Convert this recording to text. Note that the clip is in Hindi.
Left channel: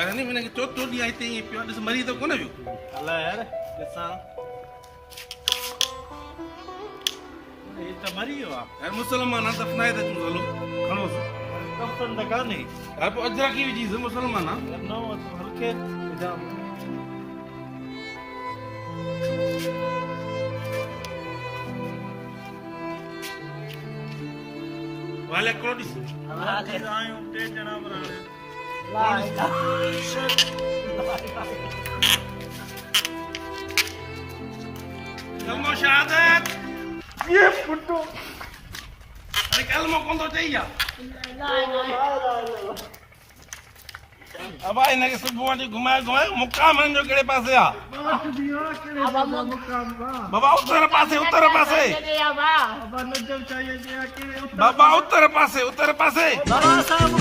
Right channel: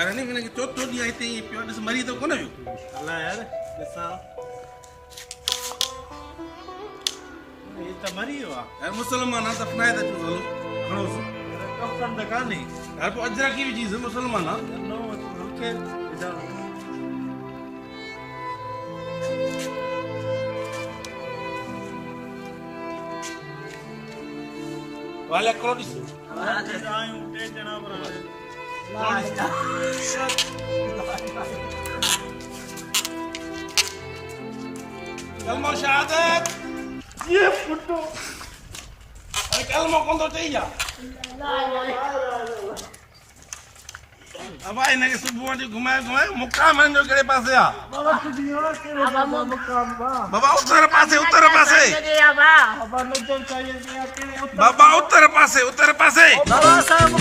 अरे नहीं मैंने चौथो ॾींहुं हिते ई पियो ॾिस मरी त कोन वियो अलाए यार ॾिसां हे त मरी वियो आहे यार मुसलमान आहे दफ़नाए त अचूं हलो खणोसि कफ़न त कान्हे यार पोइ अजरकी विझीसि मुसलमान आहे न हल्के विझां वाले करो ॾिस आहियूं टे ॼणा पर कलमो शहादत ये फुटो अरे कलमो कोन थो चई आहे अब हिनखे सुबुह वटि घुमाए मुक़ाम हिन जो कहिड़े पासे आहे बाबा उत्तर पासे बाबा उत्तर पासे बाबा साहब